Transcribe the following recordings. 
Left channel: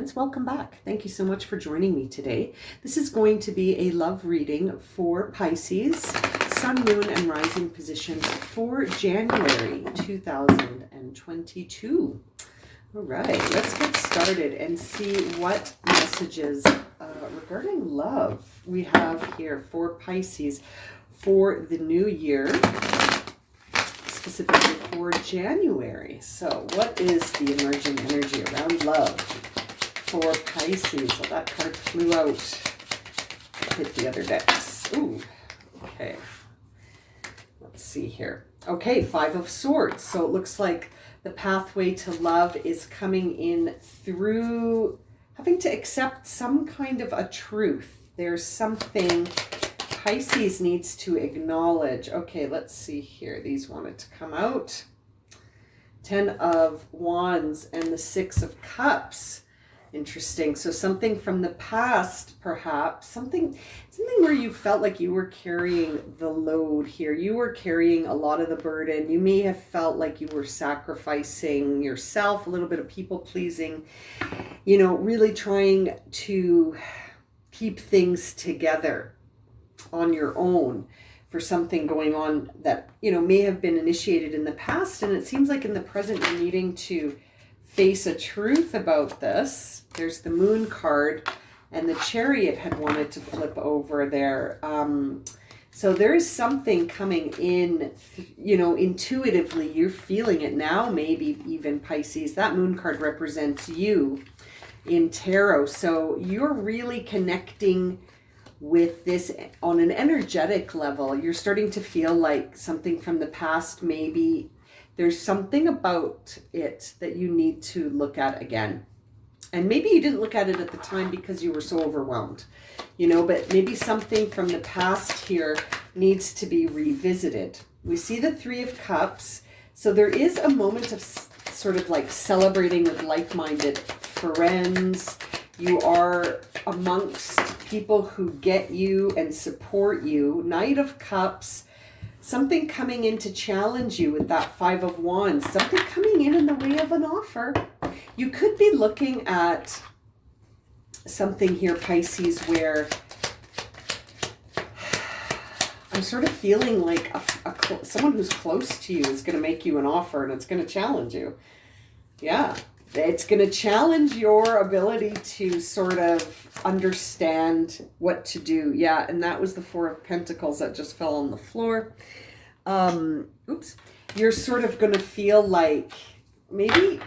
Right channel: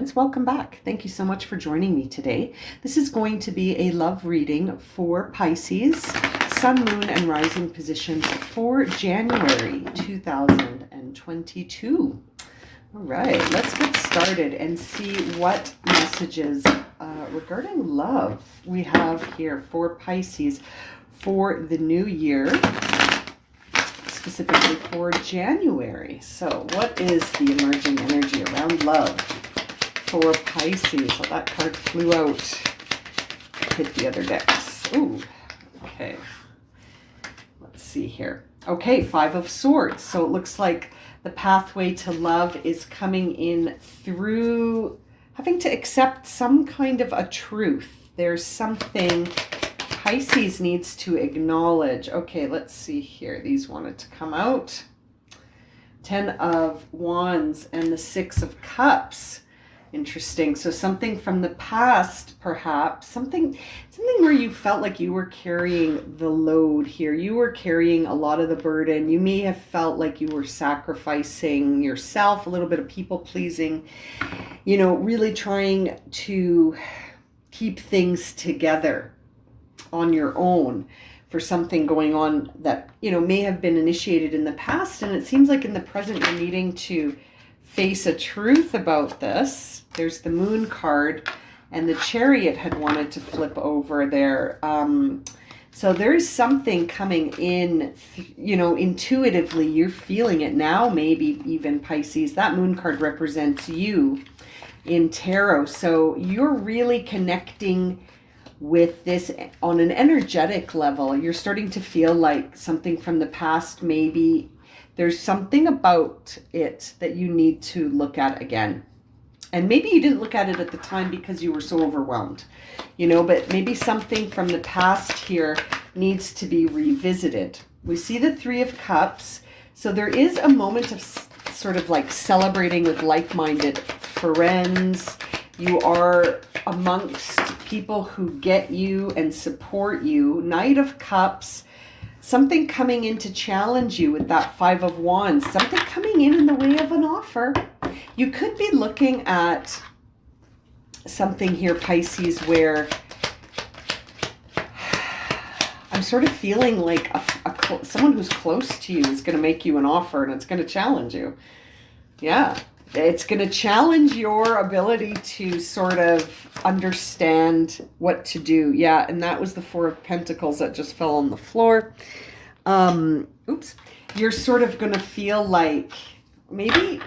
friends. Welcome back. Thank you so much for joining me today. This is going to be a love reading for Pisces, Sun, Moon, and Rising positions for January 2022. All right, let's get started and see what messages regarding love we have here for Pisces for the new year, specifically for January. So what is the emerging energy around love for Pisces? Well, that card flew out, hit the other decks. Ooh, okay. Let's see here. Okay, Five of Swords. So it looks like the pathway to love is coming in through having to accept some kind of a truth. There's something Pisces needs to acknowledge. Okay, let's see here. These wanted to come out. 10 of Wands and the 6 of Cups. Interesting. So something from the past, perhaps. Something where you felt like you were carrying the load here. You were carrying a lot of the burden. You may have felt like you were sacrificing yourself, a little bit of people pleasing, you know, really trying to keep things together on your own for something going on that, you know, may have been initiated in the past. And it seems like in the present, you're needing to face a truth about this. There's the Moon card, and the Chariot had wanted to flip over there. So there's something coming in, you know, intuitively. You're feeling it now, maybe even Pisces. That Moon card represents you in tarot. So you're really connecting with this on an energetic level. You're starting to feel like something from the past, maybe there's something about it that you need to look at again. And maybe you didn't look at it at the time because you were so overwhelmed, you know, but maybe something from the past here needs to be revisited. We see the 3 of Cups. So there is a moment of sort of like celebrating with like-minded friends. You are amongst people who get you and support you. Knight of Cups. Something coming in to challenge you with that 5 of Wands. Something coming in the way of an offer. You could be looking at something here, Pisces, where I'm sort of feeling like someone who's close to you is going to make you an offer, and it's going to challenge you. Yeah, it's going to challenge your ability to sort of understand what to do. Yeah, and that was the 4 of Pentacles that just fell on the floor. Oops. You're sort of going to feel like maybe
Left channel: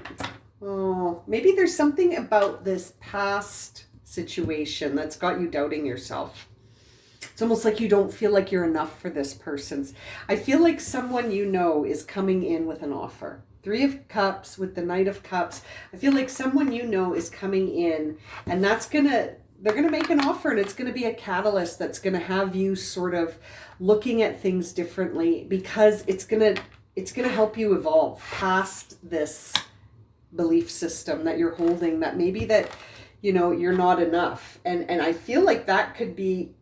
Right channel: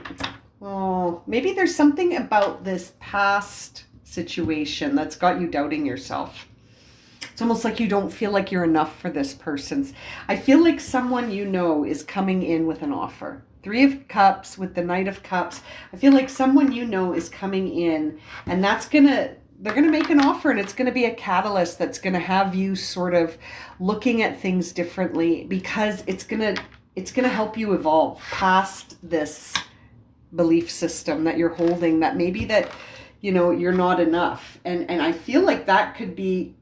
there's something about this past situation that's got you doubting yourself. It's almost like you don't feel like you're enough for this person. I feel like someone you know is coming in with an offer. 3 of Cups with the Knight of Cups. I feel like someone you know is coming in, and they're going to make an offer, and it's going to be a catalyst that's going to have you sort of looking at things differently, because it's going to help you evolve past this belief system that you're holding, that maybe that, you know, you're not enough. And I feel like that could be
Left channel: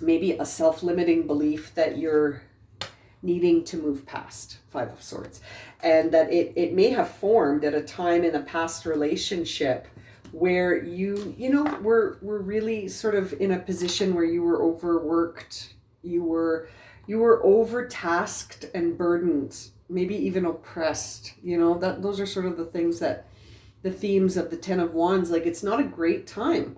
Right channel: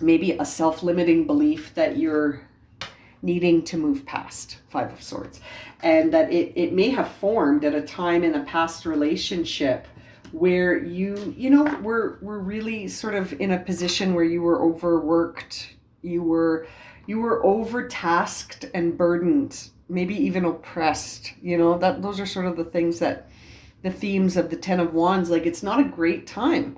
maybe a self-limiting belief that you're needing to move past. 5 of Swords. And that it may have formed at a time in a past relationship where you know, were really sort of in a position where you were overworked, you were overtasked and burdened, maybe even oppressed, you know, those are sort of the things that the themes of the 10 of Wands, like it's not a great time.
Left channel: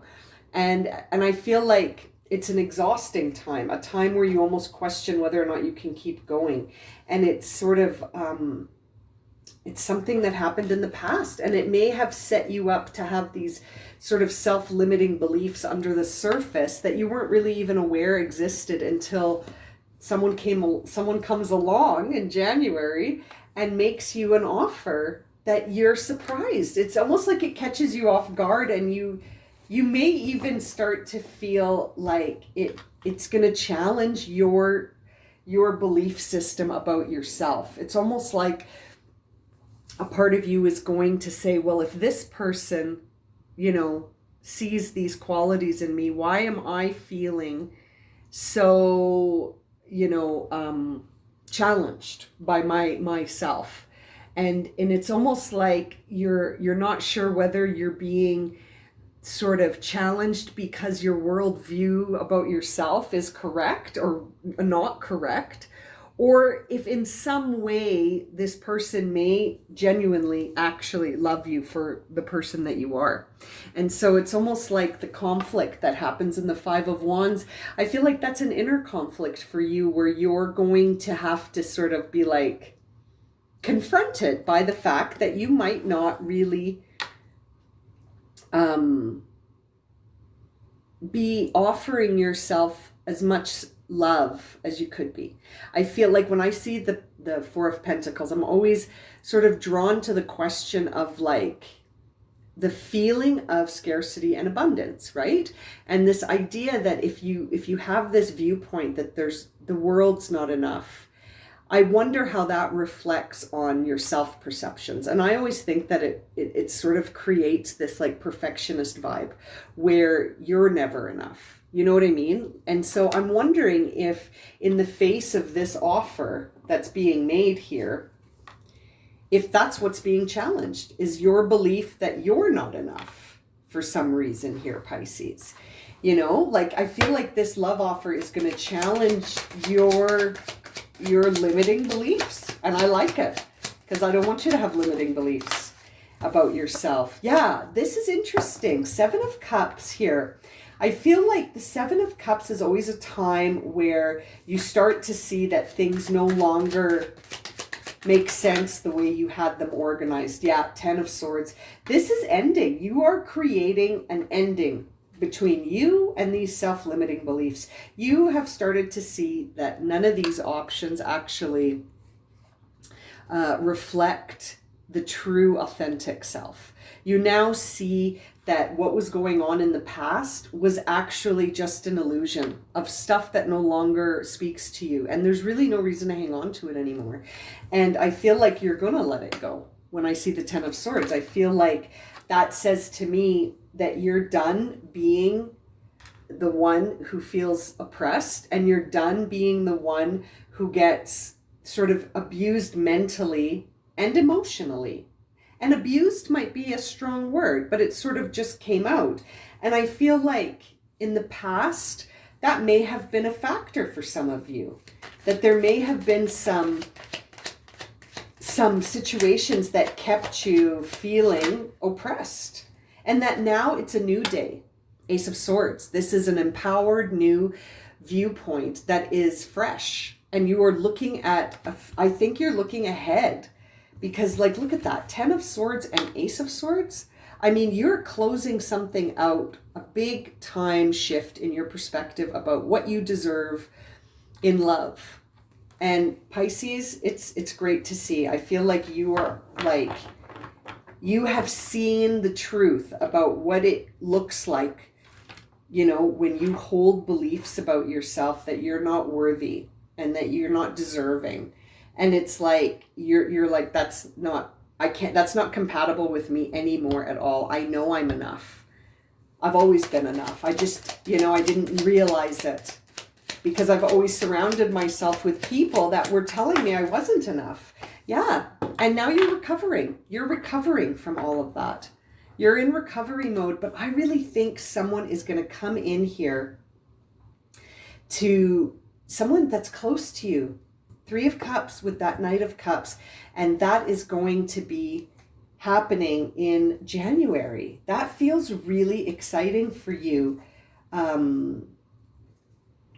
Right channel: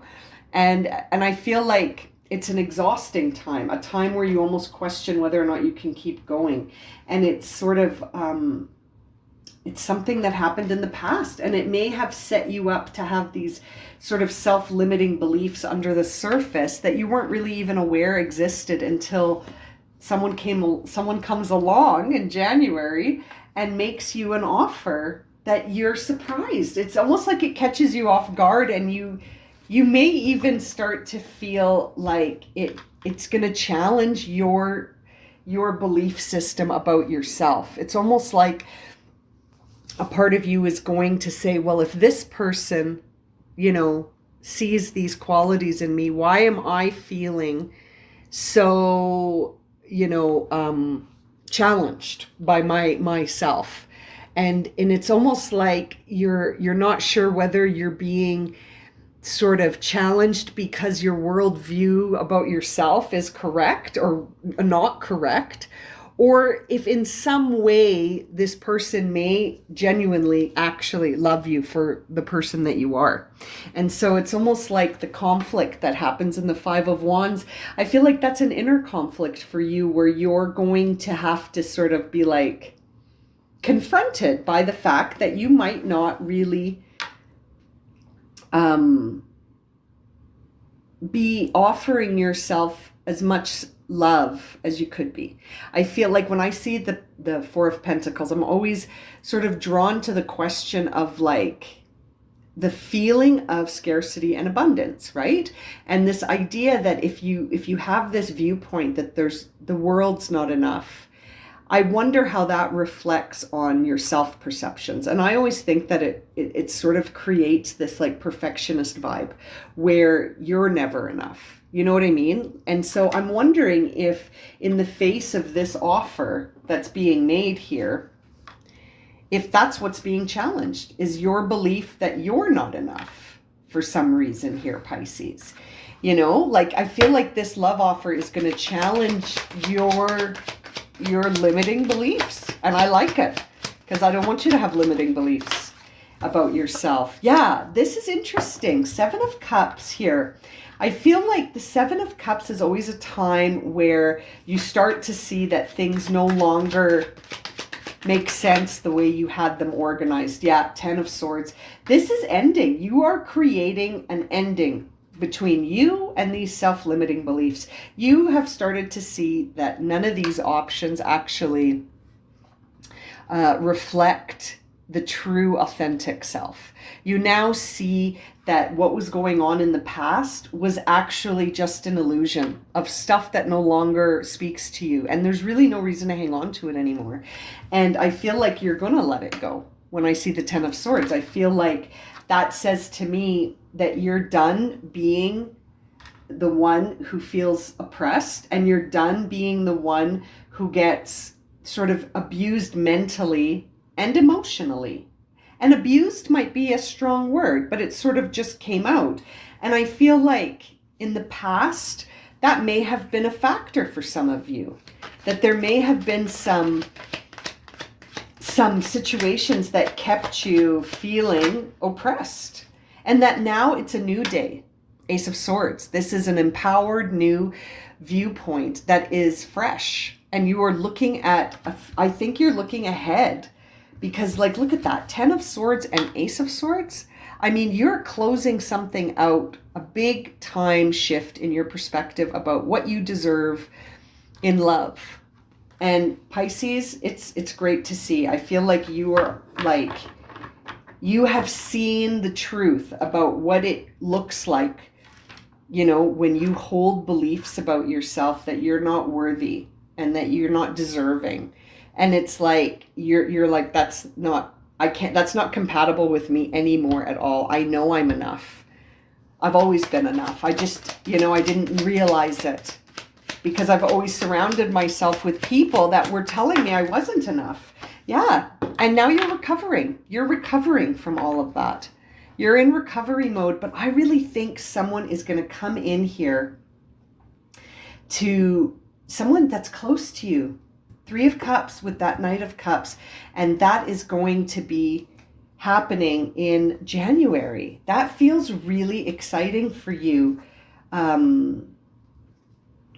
And I feel like it's an exhausting time, a time where you almost question whether or not you can keep going. And it's sort of, it's something that happened in the past, and it may have set you up to have these sort of self-limiting beliefs under the surface that you weren't really even aware existed until someone comes along in January and makes you an offer that you're surprised. It's almost like it catches you off guard, and you may even start to feel like it's going to challenge your belief system about yourself. It's almost like a part of you is going to say, well, if this person, you know, sees these qualities in me, why am I feeling so, you know, challenged by myself? And it's almost like you're not sure whether you're being sort of challenged because your worldview about yourself is correct or not correct, or if in some way this person may genuinely actually love you for the person that you are. And so it's almost like the conflict that happens in the Five of Wands. I feel like that's an inner conflict for you, where you're going to have to sort of be like confronted by the fact that you might not really be offering yourself as much love as you could be. I feel like when I see the Four of Pentacles, I'm always sort of drawn to the question of like the feeling of scarcity and abundance, right? And this idea that if you have this viewpoint that the world's not enough, I wonder how that reflects on your self-perceptions. And I always think that it sort of creates this like perfectionist vibe where you're never enough. You know what I mean? And so I'm wondering if in the face of this offer that's being made here, if that's what's being challenged, is your belief that you're not enough for some reason here, Pisces. You know, like I feel like this love offer is going to challenge your limiting beliefs. And I like it, because I don't want you to have limiting beliefs about yourself. Yeah, this is interesting. Seven of Cups here. I feel like the Seven of Cups is always a time where you start to see that things no longer make sense the way you had them organized. Yeah, Ten of Swords. This is ending. You are creating an ending between you and these self-limiting beliefs. You have started to see that none of these options actually reflect the true, authentic self. You now see that what was going on in the past was actually just an illusion of stuff that no longer speaks to you. And there's really no reason to hang on to it anymore. And I feel like you're going to let it go. When I see the Ten of Swords, I feel like that says to me that you're done being the one who feels oppressed, and you're done being the one who gets sort of abused mentally and emotionally. And abused might be a strong word, but it sort of just came out. And I feel like in the past, that may have been a factor for some of you, that there may have been some situations that kept you feeling oppressed, and that now it's a new day. Ace of Swords. This is an empowered new viewpoint that is fresh, and you are looking at, I think you're looking ahead, because like, look at that, Ten of Swords and Ace of Swords. I mean, you're closing something out, a big time shift in your perspective about what you deserve in love. And Pisces, it's great to see. I feel like you are like, you have seen the truth about what it looks like, you know, when you hold beliefs about yourself that you're not worthy and that you're not deserving. And it's like, you're like, that's not compatible with me anymore at all. I know I'm enough. I've always been enough. I just, you know, I didn't realize it, because I've always surrounded myself with people that were telling me I wasn't enough. Yeah. And now you're recovering. You're recovering from all of that. You're in recovery mode, but I really think someone is going to come in here, to someone that's close to you. Three of Cups with that Knight of Cups. And that is going to be happening in January. That feels really exciting for you,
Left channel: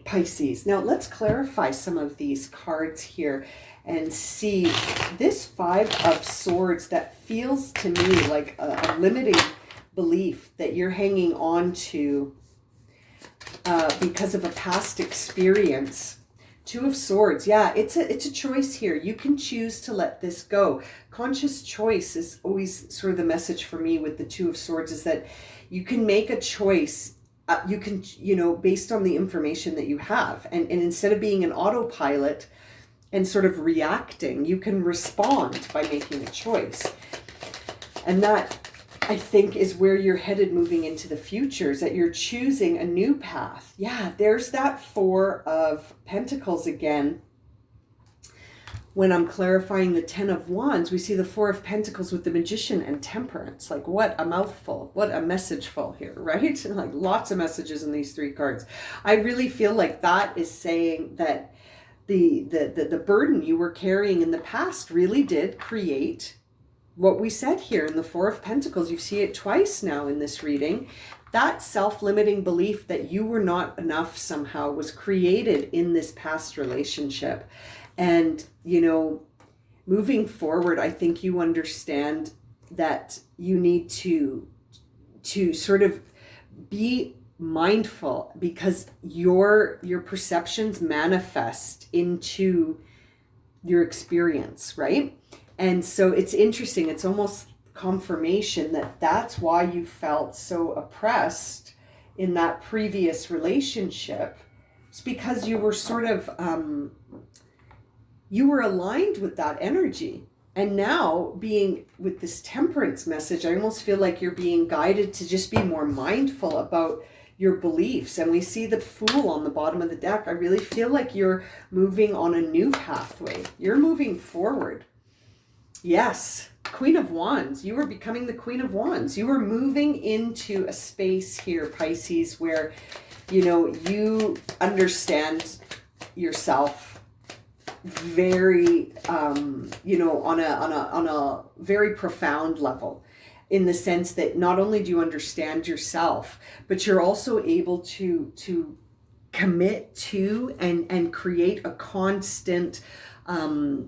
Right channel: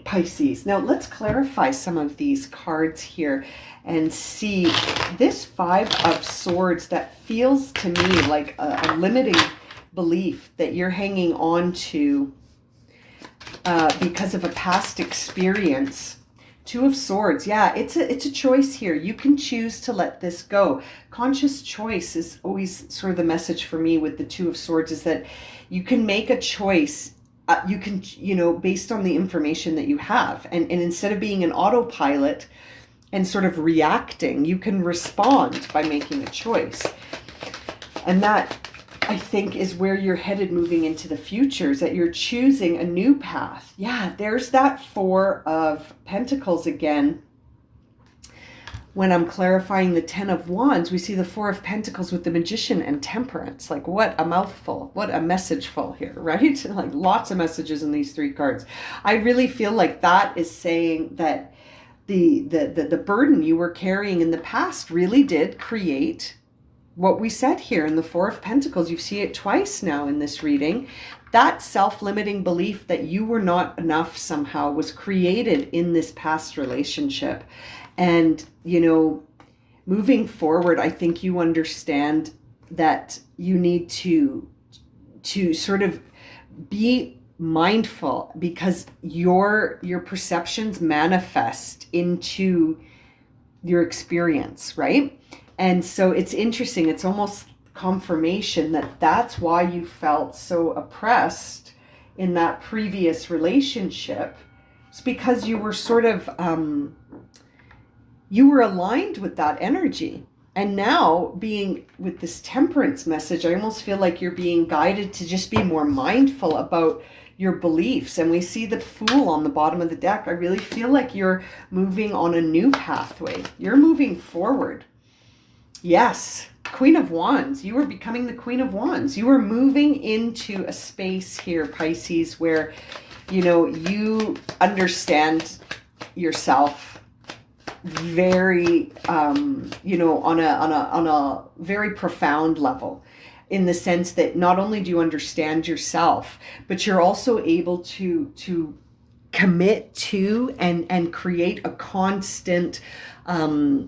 Pisces. Now let's clarify some of these cards here and see this Five of Swords that feels to me like a limiting belief that you're hanging on to because of a past experience. Two of Swords. Yeah, it's a choice here. You can choose to let this go. Conscious choice is always sort of the message for me with the Two of Swords, is that you can make a choice. You can, you know, based on the information that you have. And instead of being an autopilot and sort of reacting, you can respond by making a choice. And that, I think, is where you're headed moving into the future, is that you're choosing a new path. Yeah, there's that Four of Pentacles again. when I'm clarifying the 10 of Wands, we see the 4 of Pentacles with the Magician and Temperance. Like, what a mouthful, what a messageful here, right? Like, lots of messages in these 3 cards. I really feel like that is saying that the burden you were carrying in the past really did create what we said here in the 4 of Pentacles. You see it twice now in this reading. That self-limiting belief that you were not enough somehow was created in this past relationship. And, you know, moving forward, I think you understand that you need to sort of be mindful, because your perceptions manifest into your experience, right? And so it's interesting. It's almost confirmation that that's why you felt so oppressed in that previous relationship. It's because you were sort of, you were aligned with that energy. And now, being with this Temperance message, I almost feel like you're being guided to just be more mindful about your beliefs. And we see the Fool on the bottom of the deck. I really feel like you're moving on a new pathway. You're moving forward. Yes, Queen of Wands. You are becoming the Queen of Wands. You are moving into a space here, Pisces, where, you know, you understand yourself very, you know, on a very profound level, in the sense that not only do you understand yourself, but you're also able to commit to and create a constant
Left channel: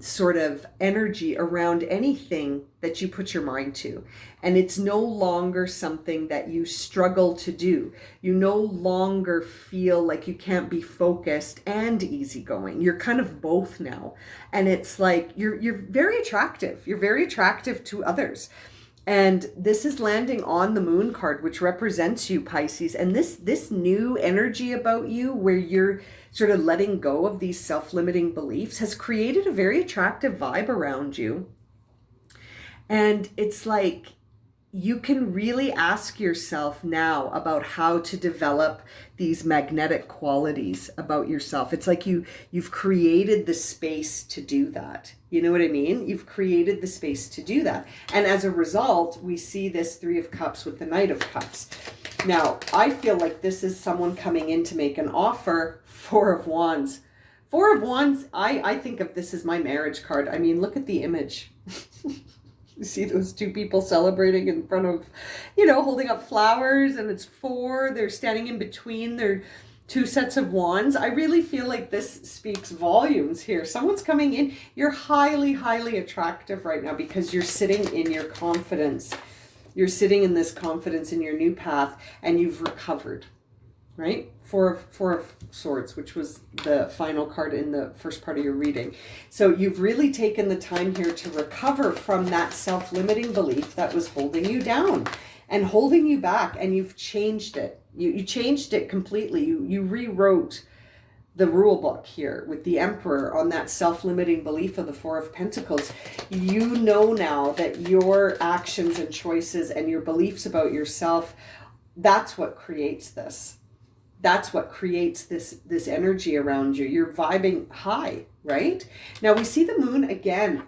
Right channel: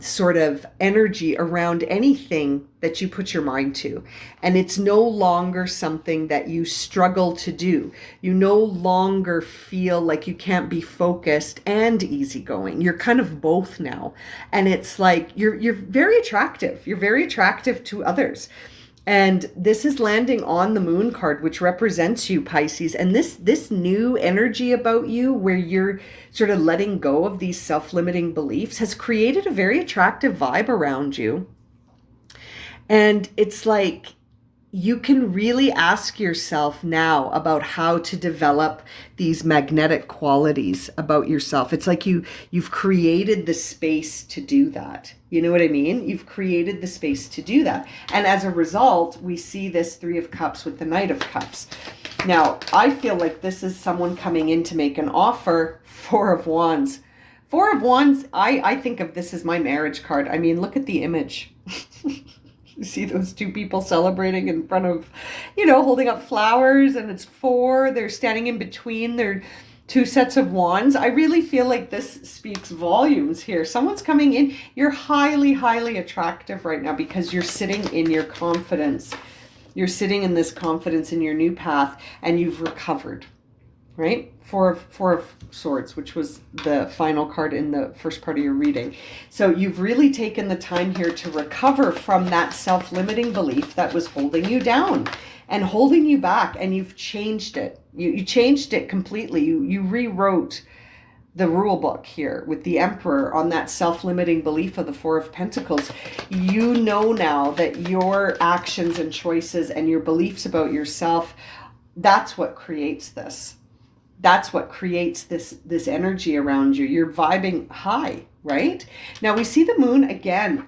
sort of energy around anything that you put your mind to. And it's no longer something that you struggle to do. You no longer feel like you can't be focused and easygoing. You're kind of both now. And it's like you're very attractive. You're very attractive to others. And this is landing on the Moon card, which represents you, Pisces. And this new energy about you, where you're sort of letting go of these self-limiting beliefs, has created a very attractive vibe around you. And it's like you can really ask yourself now about how to develop these magnetic qualities about yourself. It's like you've created the space to do that. You know what I mean? You've created the space to do that. And as a result, we see this 3 of Cups with the Knight of Cups. Now, I feel like this is someone coming in to make an offer. 4 of Wands. 4 of Wands, I think of this as my marriage card. I mean, look at the image. You see those 2 people celebrating in front of, you know, holding up flowers, and it's 4. They're standing in between their 2 sets of wands. I really feel like this speaks volumes here. Someone's coming in. You're highly, highly attractive right now because you're sitting in your confidence. You're sitting in this confidence in your new path, and you've recovered, right? Four of Swords, which was the final card in the first part of your reading. So you've really taken the time here to recover from that self-limiting belief that was holding you down and holding you back, and you've changed it. You changed it completely. You rewrote the rule book here with the Emperor on that self-limiting belief of the 4 of Pentacles. You know now that your actions and choices and your beliefs about yourself, that's what creates this. That's what creates this energy around you. You're vibing high, right? Now we see the Moon again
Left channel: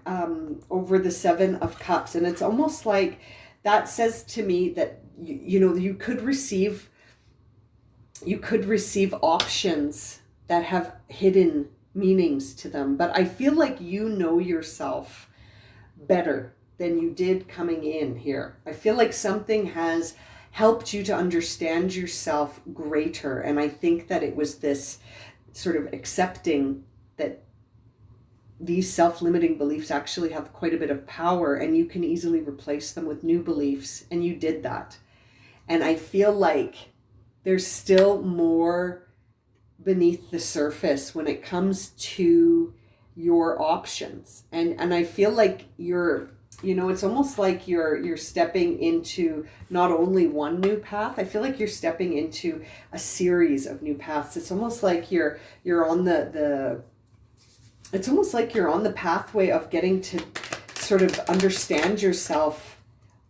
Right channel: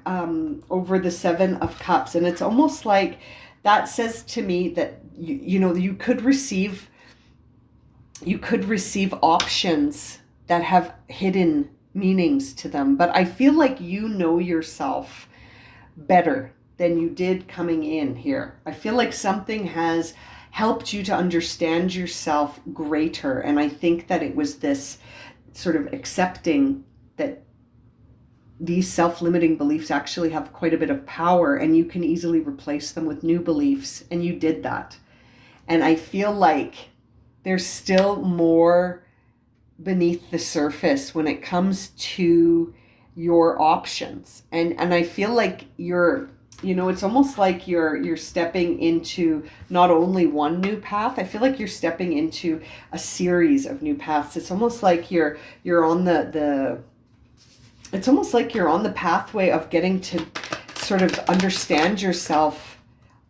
over the 7 of Cups, and it's almost like that says to me that you know, you could receive options that have hidden meanings to them, but I feel like you know yourself better than you did coming in here. I feel like something has helped you to understand yourself greater. And I think that it was this sort of accepting that these self-limiting beliefs actually have quite a bit of power, and you can easily replace them with new beliefs. And you did that. And I feel like there's still more beneath the surface when it comes to your options. And I feel like you're, you know, it's almost like you're stepping into not only one new path. I feel like you're stepping into a series of new paths. It's almost like you're on it's almost like you're on the pathway of getting to sort of understand yourself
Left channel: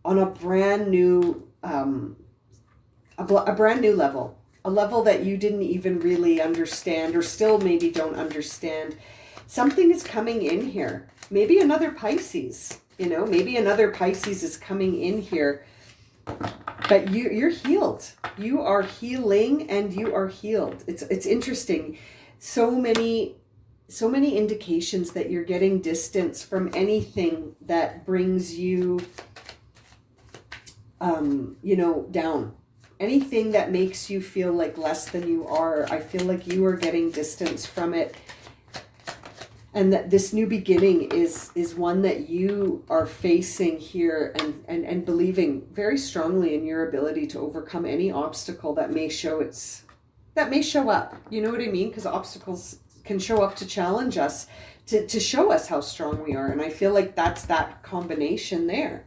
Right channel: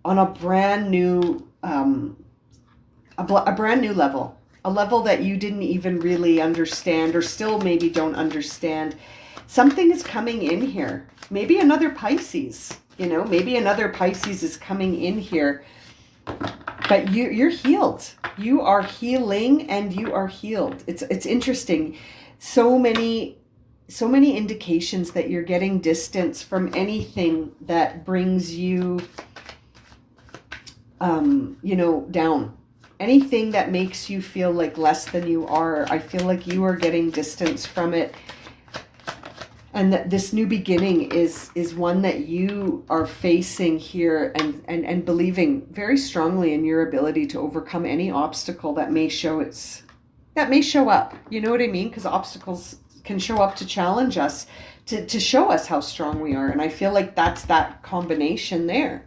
on a brand new a brand new level, a level that you didn't even really understand, or still maybe don't understand. something is coming in here. Maybe another Pisces, you know, maybe another Pisces is coming in here. But you're healed. You are healing and you are healed. It's interesting. So many indications that you're getting distance from anything that brings you, you know, down. Anything that makes you feel like less than you are. I feel like you are getting distance from it. And that this new beginning is one that you are facing here, and believing very strongly in your ability to overcome any obstacle that may show up. You know what I mean? Because obstacles can show up to challenge us, to show us how strong we are. And I feel like that's that combination there.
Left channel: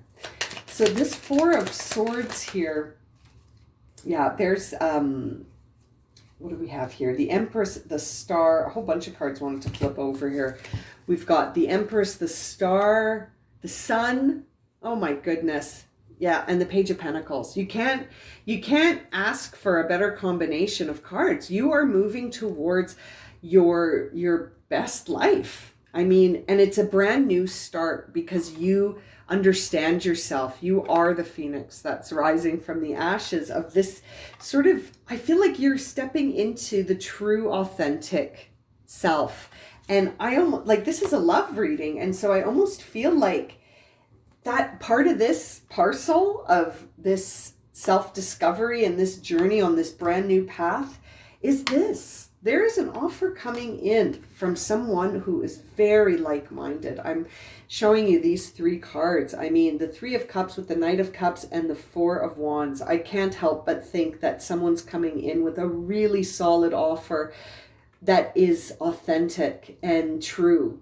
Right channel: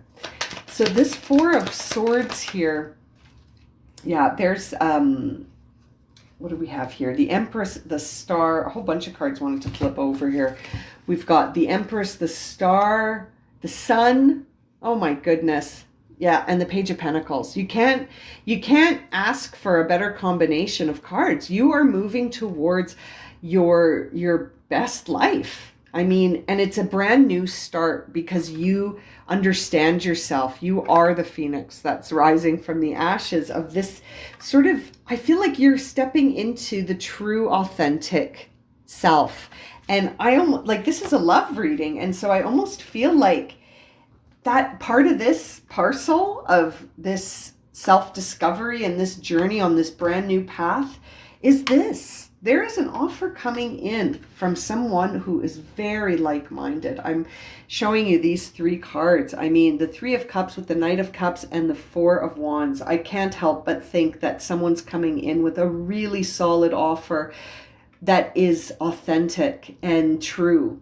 So this Four of Swords here, yeah, there's, what do we have here? The Empress, the Star, a whole bunch of cards wanted to flip over here. We've got the Empress, the Star, the Sun. Oh my goodness. Yeah, and the Page of Pentacles. You can't ask for a better combination of cards. You are moving towards your best life. I mean, and it's a brand new start because you understand yourself. You are the phoenix that's rising from the ashes of this sort of, I feel like you're stepping into the true authentic self. And I almost like, this is a love reading. And so I almost feel like that part of this parcel of this self-discovery and this journey on this brand new path is this. There is an offer coming in from someone who is very like-minded. I'm showing you these three cards. I mean, the Three of Cups with the Knight of Cups and the Four of Wands. I can't help but think that someone's coming in with a really solid offer that is authentic and true,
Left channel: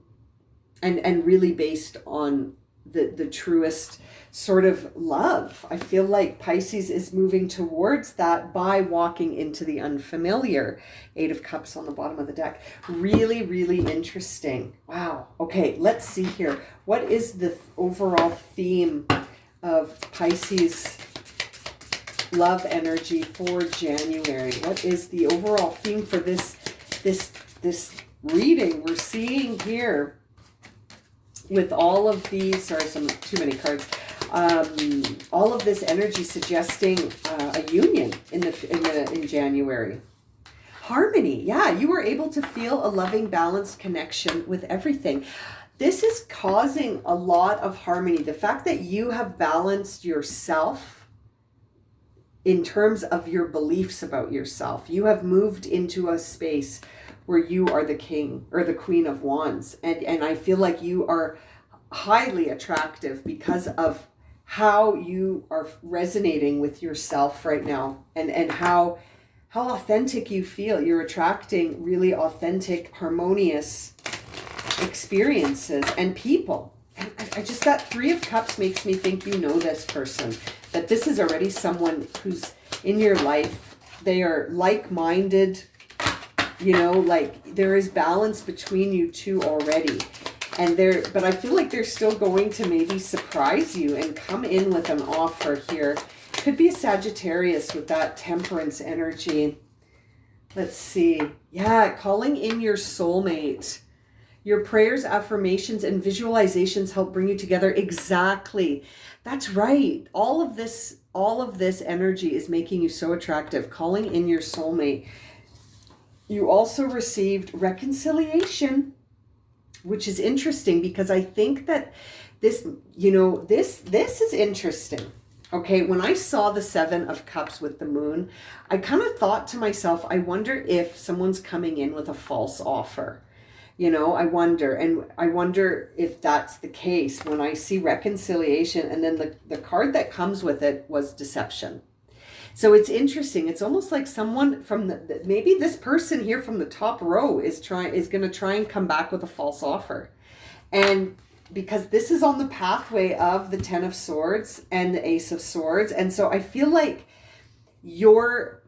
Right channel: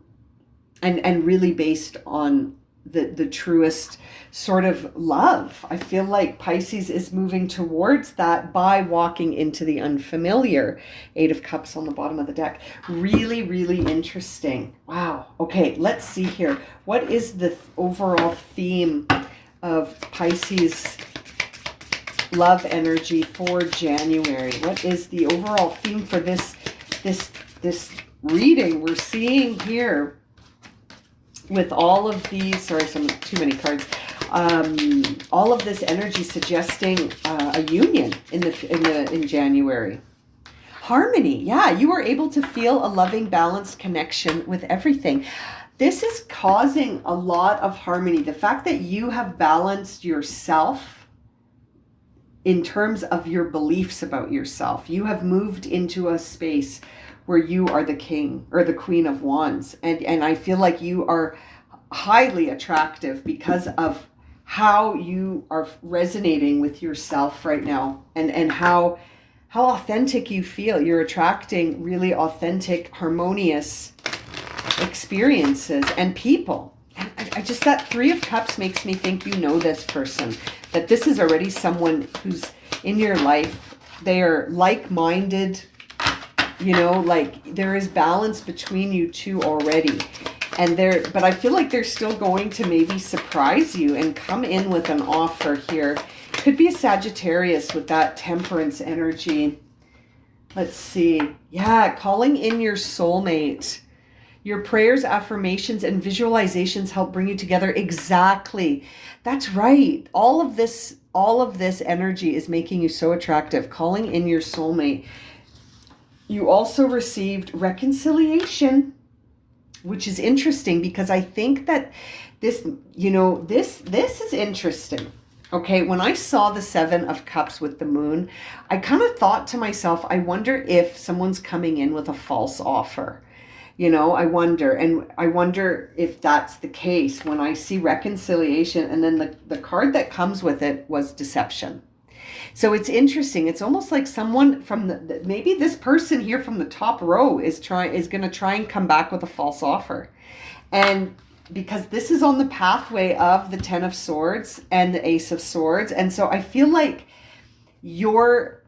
and really based on the truest sort of love. I feel like Pisces is moving towards that by walking into the unfamiliar. Eight of Cups on the bottom of the deck. Really, really interesting. Wow. Okay, let's see here. What is the overall theme of Pisces love energy for January? What is the overall theme for this reading we're seeing here? With all of these, sorry, too many cards. All of this energy suggesting a union in January. Harmony, yeah, you are able to feel a loving, balanced connection with everything. This is causing a lot of harmony. The fact that you have balanced yourself in terms of your beliefs about yourself. You have moved into a space where you are the king or the queen of wands. And I feel like you are highly attractive because of how you are resonating with yourself right now, and how authentic you feel. You're attracting really authentic, harmonious experiences and people. And I just, that Three of Cups makes me think you know this person, that this is already someone who's in your life. They are like-minded. You know, like there is balance between you two already. And but I feel like they're still going to maybe surprise you and come in with an offer here. Could be a Sagittarius with that Temperance energy. Let's see. Yeah, calling in your soulmate. Your prayers, affirmations, and visualizations help bring you together. Exactly. That's right. All of this energy is making you so attractive. Calling in your soulmate. You also received reconciliation, which is interesting because I think that this, you know, this is interesting. Okay, when I saw the Seven of Cups with the moon, I kind of thought to myself, I wonder if someone's coming in with a false offer. You know, I wonder if that's the case when I see reconciliation, and then the card that comes with it was deception. So it's interesting. It's almost like someone from maybe this person here from the top row is going to try and come back with a false offer. And because this is on the pathway of the Ten of Swords and the Ace of Swords. And so I feel like your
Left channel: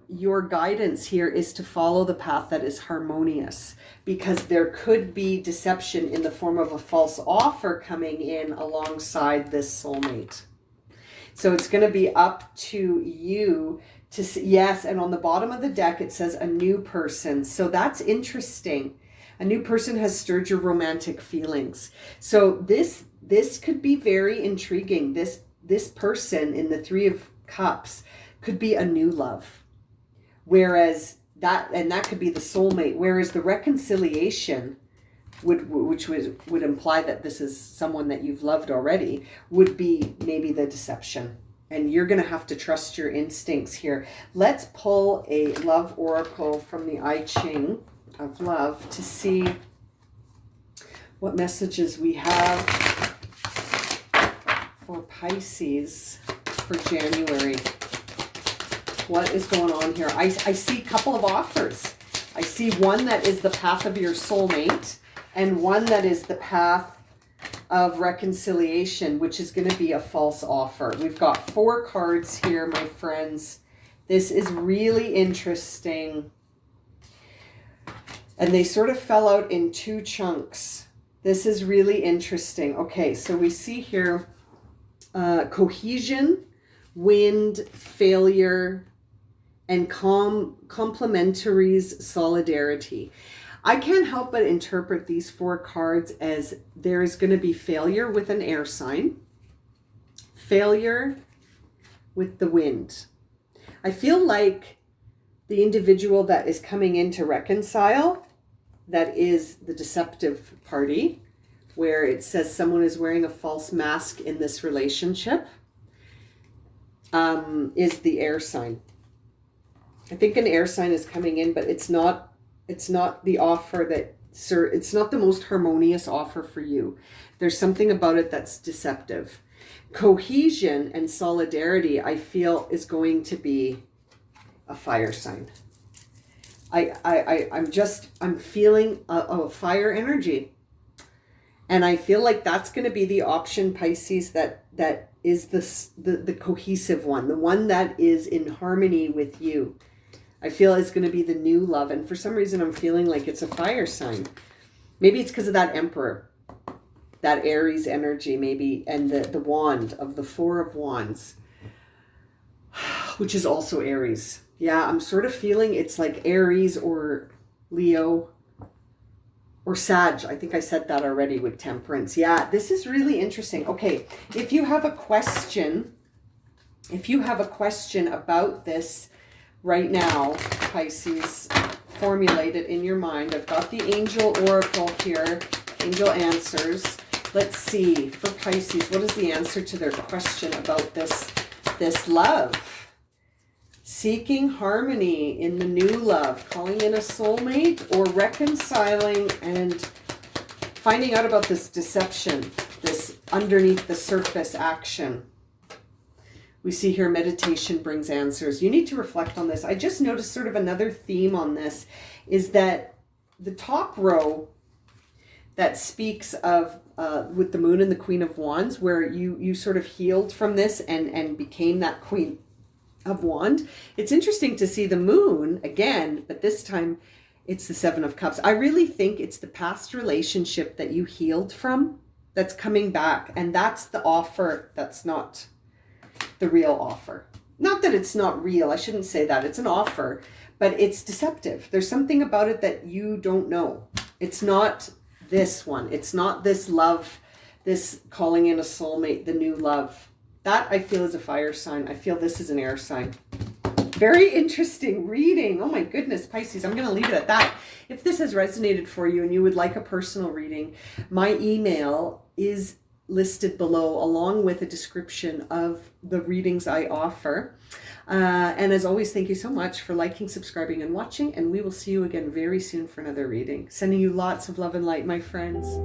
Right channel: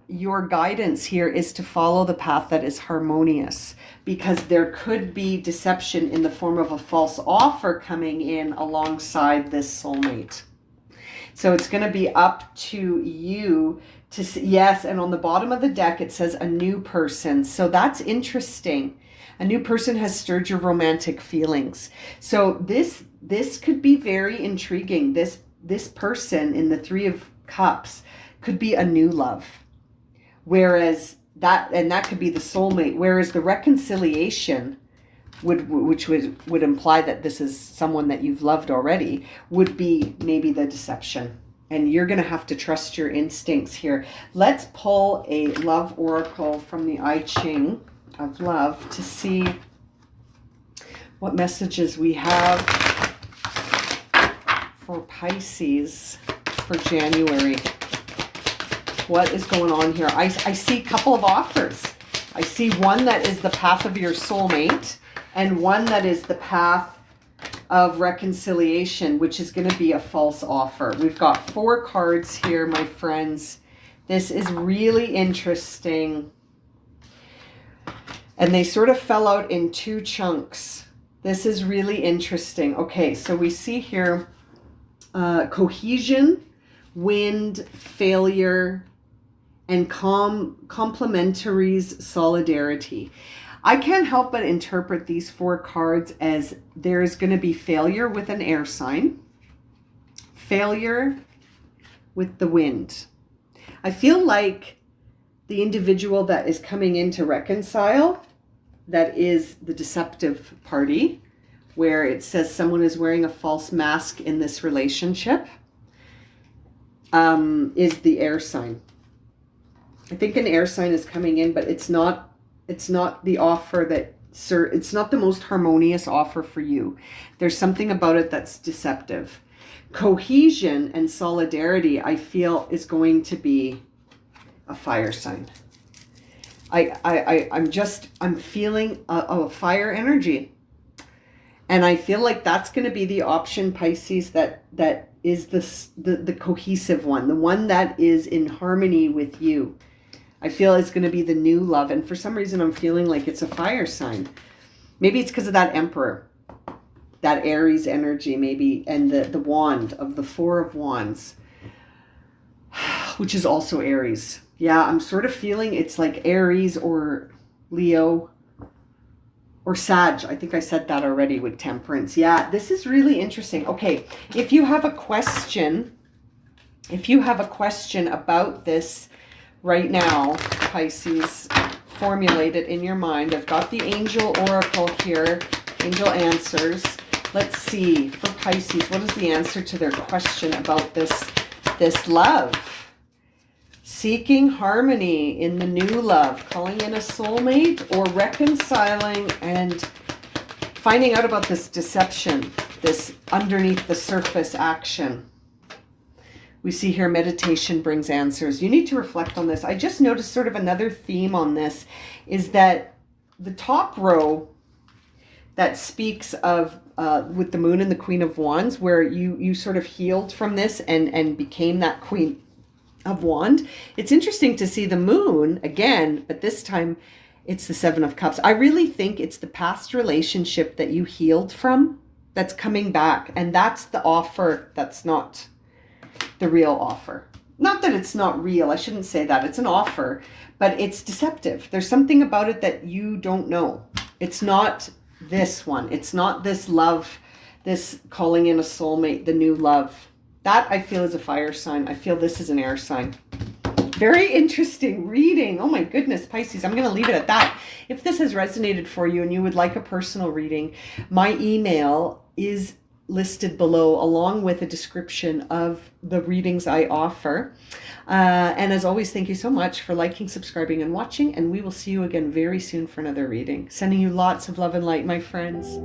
guidance here is to follow the path that is harmonious, because there could be deception in the form of a false offer coming in alongside this soulmate. So it's going to be up to you to see. Yes, and on the bottom of the deck, it says a new person. So that's interesting. A new person has stirred your romantic feelings. So this could be very intriguing. This person in the Three of Cups could be a new love. Whereas that could be the soulmate. Whereas the reconciliation would imply that this is someone that you've loved already, would be maybe the deception. And you're going to have to trust your instincts here. Let's pull a love oracle from the I Ching of love to see what messages we have for Pisces for January. What is going on here? I see a couple of offers. I see one that is the path of your soulmate and one that is the path of reconciliation, which is going to be a false offer. We've got 4 cards here, my friends. This is really interesting. And they sort of fell out in 2 chunks. This is really interesting. Okay, so we see here cohesion, wind, failure, and complementaries, solidarity. I can't help but interpret these 4 cards as there's going to be failure with an air sign, failure with the wind. I feel like the individual that is coming in to reconcile, that is the deceptive party, where it says someone is wearing a false mask in this relationship, is the air sign. I think an air sign is coming in, but it's not the offer that, sir, it's not the most harmonious offer for you. There's something about it that's deceptive. Cohesion and solidarity, I feel, is going to be a fire sign. I'm feeling a fire energy. And I feel like that's going to be the option, Pisces, that is the cohesive one, the one that is in harmony with you. I feel it's going to be the new love. And for some reason, I'm feeling like it's a fire sign. Maybe it's because of that Emperor, that Aries energy, maybe, and the wand of the 4 of Wands, which is also Aries. Yeah, I'm sort of feeling it's like Aries or Leo or Sag. I think I said that already with Temperance. Yeah, this is really interesting. Okay, if you have a question about this right now, Pisces, formulate it in your mind. I've got the Angel Oracle here, Angel Answers. Let's see, for Pisces, what is the answer to their question about this love? Seeking harmony in the new love, calling in a soulmate, or reconciling and finding out about this deception, this underneath the surface action. We see here meditation brings answers. You need to reflect on this. I just noticed sort of another theme on this is that the top row that speaks of with the Moon and the Queen of Wands, where you sort of healed from this and became that Queen of Wands. It's interesting to see the Moon again, but this time it's the 7 of Cups. I really think it's the past relationship that you healed from that's coming back. And that's the offer that's not the real offer. Not that it's not real. I shouldn't say that. It's an offer, but it's deceptive. There's something about it that you don't know. It's not this one. It's not this love, this calling in a soulmate, the new love. That I feel is a fire sign. I feel this is an air sign. Very interesting reading. Oh my goodness, Pisces. I'm going to leave it at that. If this has resonated for you and you would like a personal reading, my email is listed below along with a description of the readings I offer. And as always, thank you so much for liking, subscribing, and watching. And we will see you again very soon for another reading. Sending you lots of love and light, my friends.